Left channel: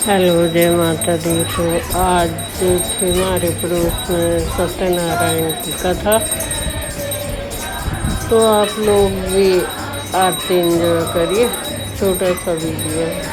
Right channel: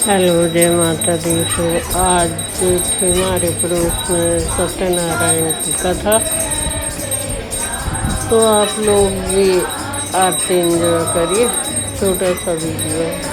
Hello, जय माता दी। तो आज थी हमारे पड़ोस में सत्यनारायण की कथा। तो आप लोग भी आरती एंजॉय करिए। छोटा सा वीडियो है।